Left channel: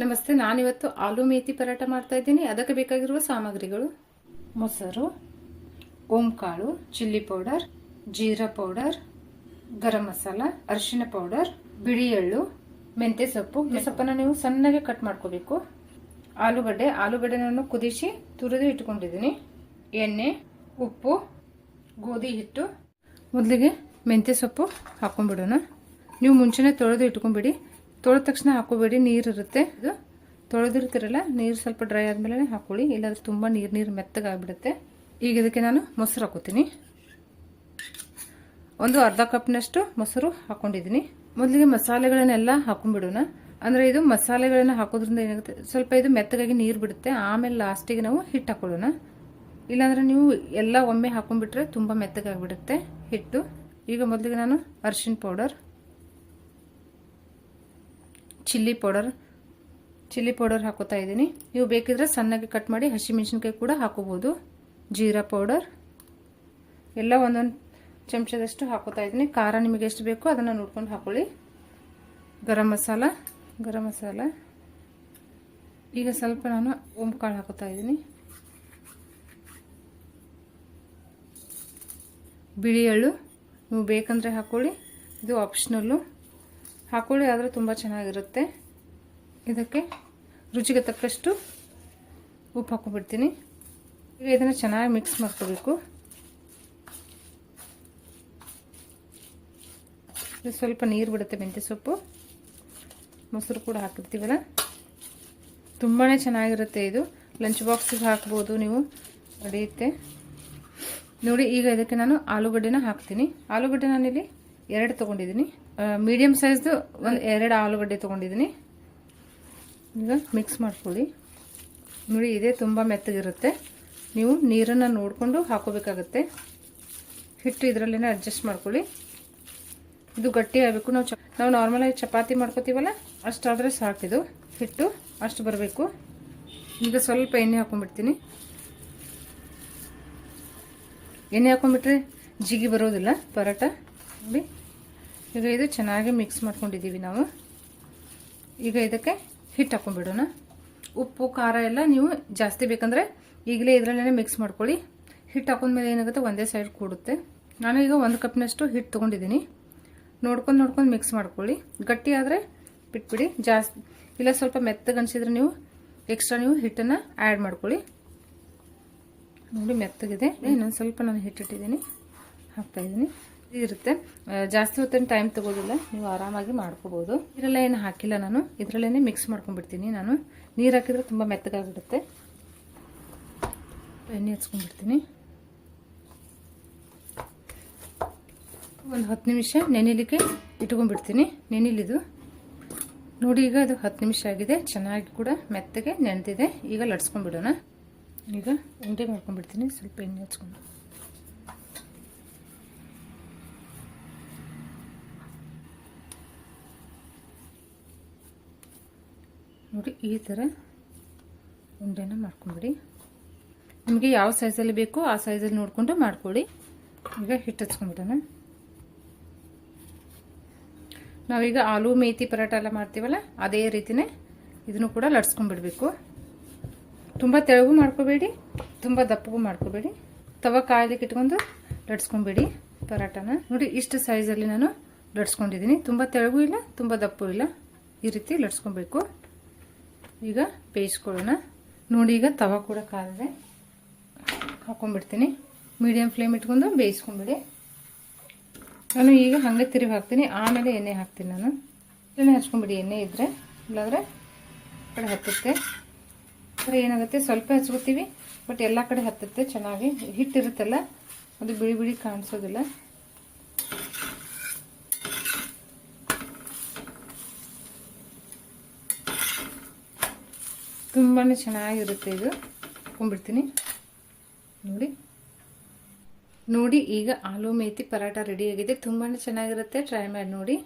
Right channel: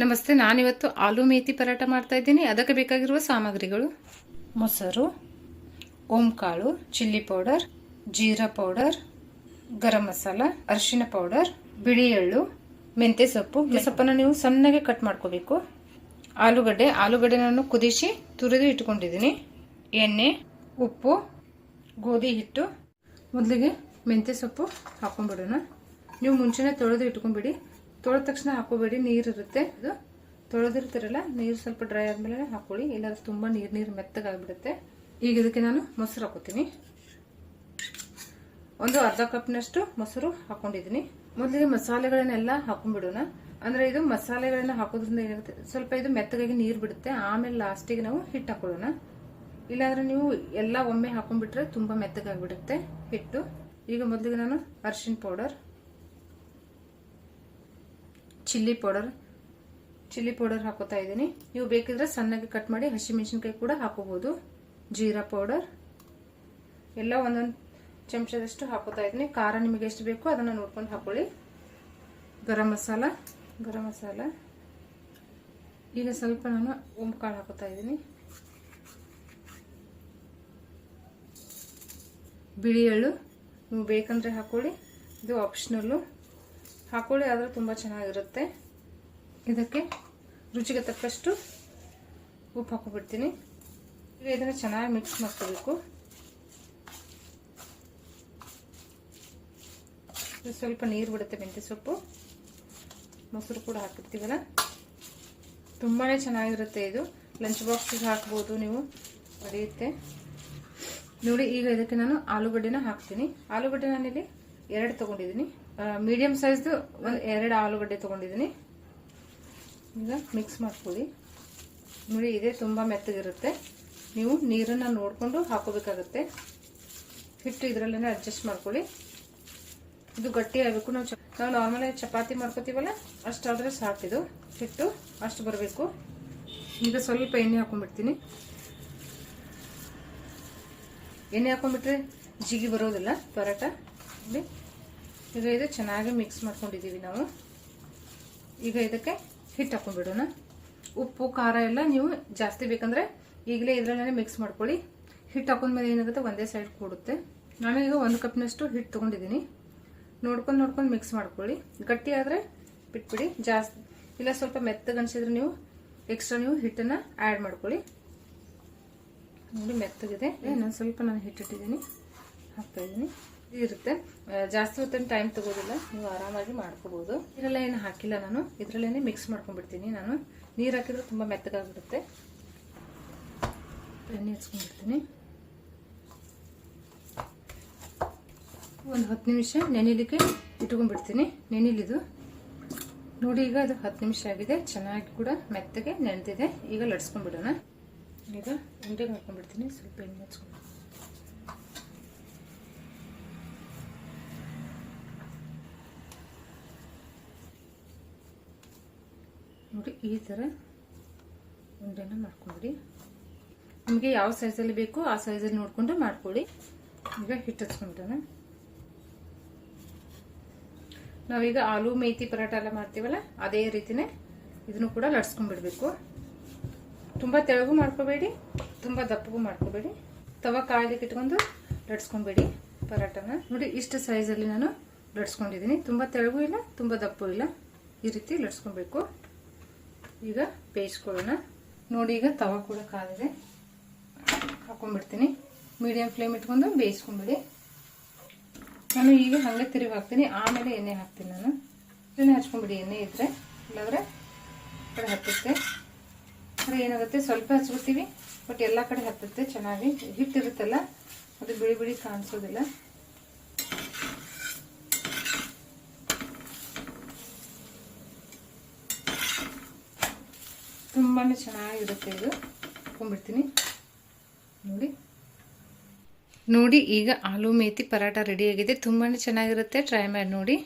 ನಮಸ್ತೆ, ನಾನಿವತ್ತು ಆಲೂ ಮೇಥಿ ಪರಾಟ ಮಾಡ್ತಾ ಇದ್ದೀನಿ. ಅದಕ್ಕೆ ಬೇಕಾಗಿರುವ ಸಾಮಗ್ರಿಗಳು? ಮೊಸರು, ಓಂಕಾಳು, chilli powder, jeera powder, garam masala, ಅರಿಶಿನ ಪೌಡರ್ ಬಿಳಿ ಎಳ್ಳು ಮೆಂತ್ಯ ಸೊಪ್ಪು. ಈ ಸೊಪ್ಪನ್ನು ನೀವು ಸಣ್ಣಗೆ ಕಟ್ ಮಾಡ್ಕೋಬೇಕು. ಆಲೂಗಡ್ಡೆ, ಆಲೂಗಡ್ಡೆನನ್ನು ಕುದಿಸಿ ತುರಿದು ಇಟ್ಕೊಂಡಿದ್ದೀನಿ ಎಣ್ಣೆ, ಉಪ್ಪು, ಗೋಧಿ ಹಿಟ್ಟು. ಮೊದಲಿಗೆ ಮೆಂತ್ಯ ಸೊಪ್ಪು ಹಾಕೊಂಡ್ಬಿಡೋಣ. ನೀವು ಮುಂಚೆನೇ ತೊಳೆದು ಇಟ್ಕೊಂಬಿಡಿ ತೊಳೆದ ತಕ್ಷಣ ಹಾಕೋಬೇಡಿ, ನೀರು ಇರುತ್ತೆ. ಇದು ತೊಳೆದಿರ್ತಿರಲ್ಲ, ನೀರು ಸ್ವಲ್ಪ ಡ್ರೈ ಆದಮೇಲೆ ಹಾಕೊಳ್ಳಿ. ಇಲ್ಲಾಂದ್ರೆ ತುಂಬ ನೀರು ನೀರು ಮೆತ್ತಗಾಗ್ಬಿಡುತ್ತೆ. ಈಗ ಇದಕ್ಕೆ ನಾನು ಮೊಸರು ಹಾಕೋತೀನಿ. ಒಂದು ಅರ್ಧ ಕಪ್ನಷ್ಟು ಮೊಸರು ಹಾಕೊಂಡಿದ್ದೀನಿ. ಮೊದಲಿಗೆ ಮಸಾಲೆಗಳನ್ನೆಲ್ಲ ಹಾಕೊಂಡ್ಬಿಡೋಣ. ಅಂದರೆ ಇದು ಮಸಾಲೆಗಳನ್ನ ಹಾಕೋದ್ರಿಂದ ಏನಾಗುತ್ತೆ, ಸ್ವಲ್ಪ ಇದು ಮೆತ್ತಗಾಗಿ ನೀರು ಬಿಡುತ್ತೆ. ಆಮೇಲೆ ಲಾಸ್ಟಿಗೆ ನಾವು ಹಿಟ್ಟು ಹಾಕೊಳ್ಳೋಣ. ಇಲ್ಲಾಂದ್ರೆ ನೀವು ಎಲ್ಲ ಒಮ್ಮೆ ಹಾಕೊಂಡ್ಬಿಟ್ರೆ ತುಂಬ ಮೆತ್ತಗಾಗ್ಬಿಡುತ್ತೆ ಹಿಟ್ಟು. ಈಗ ಮೊದಲಿಗೆ ನಾನು ಅರಿಶಿನ powder chilli powder chilli powder ಹಾಕೋತಾ ಇದ್ದೀನಿ. ನೀವು ಬೇಕಿದ್ರೆ ಸಣ್ಣಗೆ ಕಟ್ ಮಾಡಿ ಹಸಿಮೆಣಸಿನ್ಕಾಯಿ ಕೂಡ ಹಾಕೋಬೋದು. ಜೀರಾ ಪೌಡರ್. ಎಲ್ಲ ಒಂದೊಂದು ಚಮಚದಷ್ಟು ಹಾಕೋತಾ ಇದ್ದೀನಿ. ಖಾರ ನಿಮಗೆ ಎಷ್ಟು ಬೇಕೋ ಅದನ್ನು ನೋಡ್ಕೊಂಡು ಹಾಕೊಳ್ಳಿ. ಗರಂ ಮಸಾಲ ಗರಂ ಮಸಾಲ. ಈಗ ಸ್ವಲ್ಪ ನಾನು ಓಂಕಾಳು ಹಾಕೋತಾ ಇದ್ದೀನಿ. ಬಿಳಿ ಎಳ್ಳು, ನೀವು ಬೇಕಂದರೆ ಹಾಕೊಳ್ಳಿ. ಇದು ಆಪ್ಷನಲ್ಲು ಹಾಕೊಳ್ಳಿ ಆದರೆ ತುಂಬ ಚೆನ್ನಾಗಿರುತ್ತೆ. ಇದಕ್ಕೆ ರುಚಿಗೆ ತಕ್ಕಷ್ಟು ಉಪ್ಪು ಹಾಕೊಬಿಡ್ತೀನಿ. ಈಗ ಇದನ್ನು ಚೆನ್ನಾಗಿ ಮಿಕ್ಸ್ ಮಾಡ್ಕೋಬೇಕು. ಸ್ವಲ್ಪ ನೀರು ಬಿಡುತ್ತೆ ಮೆಂತ್ಯ ಸೊಪ್ಪು. ಮೊಸರು ಕೂಡ ಹಾಕಿರ್ತೀವಲ್ಲ ತುಂಬಾ ಚೆನ್ನಾಗಿರುತ್ತೆ ಇದು. ಲಂಚ್ ಬಾಕ್ಸಿಗೆ ಹಾಕ್ಬೋದು ನೀವು. ನಡೆಯುತ್ತೆ. ನೋಡಿ, ಈಗ ಇದಕ್ಕೆ ನಾನು ಆಲೂಗಡ್ಡೆನ ಹಾಕ್ತೀನಿ. ಆಲೂಗಡ್ಡೆ ನಾನಿಲ್ಲಿ ಎರಡು ತೊಗೊಂಡಿದ್ದೀನಿ. ಮೀಡಿಯಮ್ ಸೈಜ್ದು ಒಂದು ಎರಡು ಆಲೂಗಡ್ಡೆ ತೊಗೊಂಡಿದ್ದೀನಿ. ಈಗ ಮಿಕ್ಸ್ ಮಾಡ್ಕೊಳ್ಳಿ. ನೋಡಿ, ಇದೆ ತುಂಬ ಮೆತ್ತಗಿರುತ್ತೆ. ನೀವು ನೀರನ್ನು ನೋಡಿಕೊಂಡು ಹಾಕೋಬೇಕಾಗತ್ತೆ. ಹಿಟ್ಟು ಇದರಲ್ಲಿ ಅಡ್ಜಸ್ಟ್ ಮಾಡ್ಕೊಳ್ಳಿ. ಇದು ಗಟ್ಟಿ ಆಗಬೇಕು. ನಾವು ನಾವು ನಾರ್ಮಲಾಗಿ ಚಪಾತಿ ಮಾಡ್ಕೋತೀವಲ್ಲ, ಅಷ್ಟಾದರೆ ಸಾಕಿದು ಹಿಟ್ಟು ಅಷ್ಟು ಬರಬೇಕು. ಈಗ ಸ್ವಲ್ಪ ಎಣ್ಣೆ ಹಾಕೊಂಡ್ಬಿಡ್ತೀನಿ. ಎಣ್ಣೆ ಹಾಕೊಂಡ್ಬಿಟ್ರೆ ಜಿಗಿ ಬರೋದಿಲ್ಲ, ಪರೋಟ. ಈಗ ಇದು ಚೆನ್ನಾಗಿ ಮಿಕ್ಸ್ ಮಾಡ್ಕೊಂಡಿದ್ದೀವಿ ನಾವು. ಈಗ ಇದಕ್ಕೆ ಹಿಟ್ಟು ಹಾಕೊಂಡ್ಬಿಡೋಣ. ಉಪ್ಪು, ಖಾರ ಎಲ್ಲ ನೀವು ಜಾಸ್ತಿ ಬೇಕಂದರೆ ಈಗಲೇ ಇದರಲ್ಲೇ ಮಿಕ್ಸ್ ಮಾಡ್ಕೊಳ್ಳಿ. ಹಿಟ್ಟು ಹಾಕೊಂಡ್ಮೇಲೆ ಏನಾಗುತ್ತೆ? ಒಂದೇ ಸೈಡ್ ಕೂಡುತ್ತೆ. ನಾನು ಈಗ ಒಂದು ಕಪ್ನಷ್ಟು ಹಿಟ್ಟು ತೊಗೊಂಡಿದ್ದೀನಿ. ನೋಡ್ಕೊಂಡು ನೋಡ್ಕೊಂಡು ಮಿಕ್ಸ್ ಮಾಡ್ಕೊಳ್ಳಿ. ಗಟ್ಟಿ ಆದರೆ ಬಿಟ್ಬಿಡಿ. ಜಾಸ್ತಿ ಇಲ್ಲ ಸ್ವಲ್ಪ ಮೆತ್ತಗೆ ಅನಿಸಿದ್ರೆ ನೀವು ಎಕ್ಸ್ಟ್ರಾ ನೀವು ಹಿಟ್ಟನ್ನು ಆ್ಯಡ್ ಮಾಡ್ಕೊಳ್ಳಿ. ನೋಡಿ ಮೆತ್ತಗಿದೆ. ಇನ್ನೊಂದು ಸ್ವಲ್ಪ ನಾನು ಹಿಟ್ಟಿಟ್ಟಿದ್ದೀನಿ. ಹಾಕ್ತಾಯಿದ್ದೀನಿ ಇರುತ್ತೆ. ಜಾಸ್ತಿ ಹೊತ್ತೇನು ಟೈಮ್ ತಗೋದಿಲ್ಲ. ನೀವು ಆರಾಮಾಗಿ ಮಾಡ್ಕೋಬೋದು. ಇದರೆಲ್ಲ ಏನು ಹಾಕಿಲ್ಲ ನಾನು. ಇದರಲ್ಲೇ ಮಿಕ್ಸ್ ಮಾಡ್ಕೊಂಡ್ಬಿಡ್ತೀನಿ ನಾನು. ನೀರು ಹಾಕಿದ್ರೆ ತುಂಬ ಮೆತ್ತಗಾಗ್ಬಿಡುತ್ತೆ. ಎಣ್ಣೆ ಹಚ್ಕೊಂಡ್ಬಿಡ್ತೀನಿ. ಒಂದು ಹತ್ತು ನಿಮಿಷ ನೆನೆಲಿಕ್ಕೆ ಇಟ್ಕೊಂಡ್ಬಿಡ್ತೀನಿ. ನೆನಿಲಿದು. ನೋಡಿ ಈಗ ಅದು ಹತ್ತು ನಿಮಿಷ ಆಗಿದೆ. ಚೆನ್ನಾಗಿ ಕೂಡ ಮೆತ್ತಗೆ ನೆನೆದಿದೆ. ಈಗ ಲಡ್ಸ್ಕೊಂಡ್ಬಿಡೋಣ ಈಗ ಉಂಡೆ ಮಾಡ್ಕೊಂಡ್ಬಿಡ್ತೀನಿ. ಸ್ವಲ್ಪ ಎಣ್ಣೆ ಹಚ್ಕೊಂಡು. ನೋಡಿ, ಈ ಥರ ಉಂಡೆನ ಮಾಡ್ಕೊಂಬಿಡಿ ನಿಮಗೆ ಯಾವ ಸೈಜಲ್ಲಿ ಬೇಕು ಆ ಸೈಜಲ್ಲಿ ನೋಡಿಕೊಂಡು ಮಾಡ್ಕೊಳ್ಳಿ. ಈಗ ಹಿಟ್ಟು ಹಚ್ಕೊಂಡ್ಬಿಡೋಣ. ನಾವೀಗ ಆಲೂ ಮೇಥಿ ಪರೋಟ ಎಲ್ಲ ಮಾಡ್ತೀವಲ್ಲ, ಅದೇ ರೀತಿನೇ ಇದನ್ನು ಕೂಡ ಲಡ್ಸ್ಕೊಂಡ್ಬಿಡ್ಬೇಕು ತುಂಬ ತೆಳಗೂ ಮಾಡ್ಕೋಬೇಡಿ, ತುಂಬ ದಪ್ಪಗೂ ಮಾಡ್ಕೋಬೇಡಿ. ತವ ಕಾಯ್ಲಿಕ್ಕೆ ಇಟ್ಕೊಂಡು ಲಡ್ಸ್ಕೊಂಬೇಡಿ ಪರೋಟನ ನೋಡಿ, ಇಷ್ಟು ಸೈಜಲ್ಲಿ ನಾನು ಲಡ್ಸ್ಕೊಂಡಿದ್ದೀನಿ ತುಂಬ ತೆಳಗೂ ಇಲ್ಲ, ತುಂಬ ದಪ್ಪು ಇಲ್ಲ. ಈ ರೀತಿ ಲಡ್ಸ್ಕೊಬೇಕು ಈಗ ಬೇಯಿಸ್ಕೊಳ್ಳೋಣ. ನೋಡಿ ಈಗ ತವ ಕೂಡ ಕಾದಿದೆ. ಹಾಕೊಂಡ್ಬಿಡ್ತೀನಿ. ಮೀಡಿಯಂ ಫ್ಲೇಮ್ ಇಟ್ಕೊಂಡು ಬೇಯಿಸ್ಕೊಂಬಿಡಿ. ನಾನು ಈಗ ಹಾಗೆ ತಿರುಗಿ ಹಾಕ್ತೀನಿ. ಆಮೇಲೆ ಎಣ್ಣೆ ಹಾಕ್ತೀನಿ ನಾನು. ಎಣ್ಣೆ ಹಚ್ಕೊಂಬಿಡಿ ಎಣ್ಣೆ ಇದ್ದರೆ ಇಲ್ಲಾಂದರೆ ಕಡೆ ಹತ್ತುತ್ತೆ. ಕಡೆ ಏನಾಗುತ್ತೆ? ಸ್ವಲ್ಪ ಹಚ್ಕೋತೀವಿ ಬಟ್ ಎಲ್ಲ ಕಡೆ ಹತ್ತುತ್ತೆ. ಚೆನ್ನಾಗಿ ಹಿಟ್ಟಿರುತ್ತಲ್ಲ, ಅದು ಬಿಳಿ ಬಿಳಿ ಕಾಣಿಸೋದಿಲ್ಲ. ತುಂಬಾ ಚೆನ್ನಾಗಿರುತ್ತೆ ಇದು. ಹಾಕೊಂಡ್ಬಿಡ್ತೀನಿ ನೋಡಿ. ನೋಡಿ, ಈಗ ಆಲೂ ಮೇಥಿ ಪರಾಟ ರೆಡಿಯಾಗಿದೆ ತುಂಬಾ ಚೆನ್ನಾಗಿರುತ್ತೆ. ಟ್ರೈ ಮಾಡಿ ನೋಡಿ.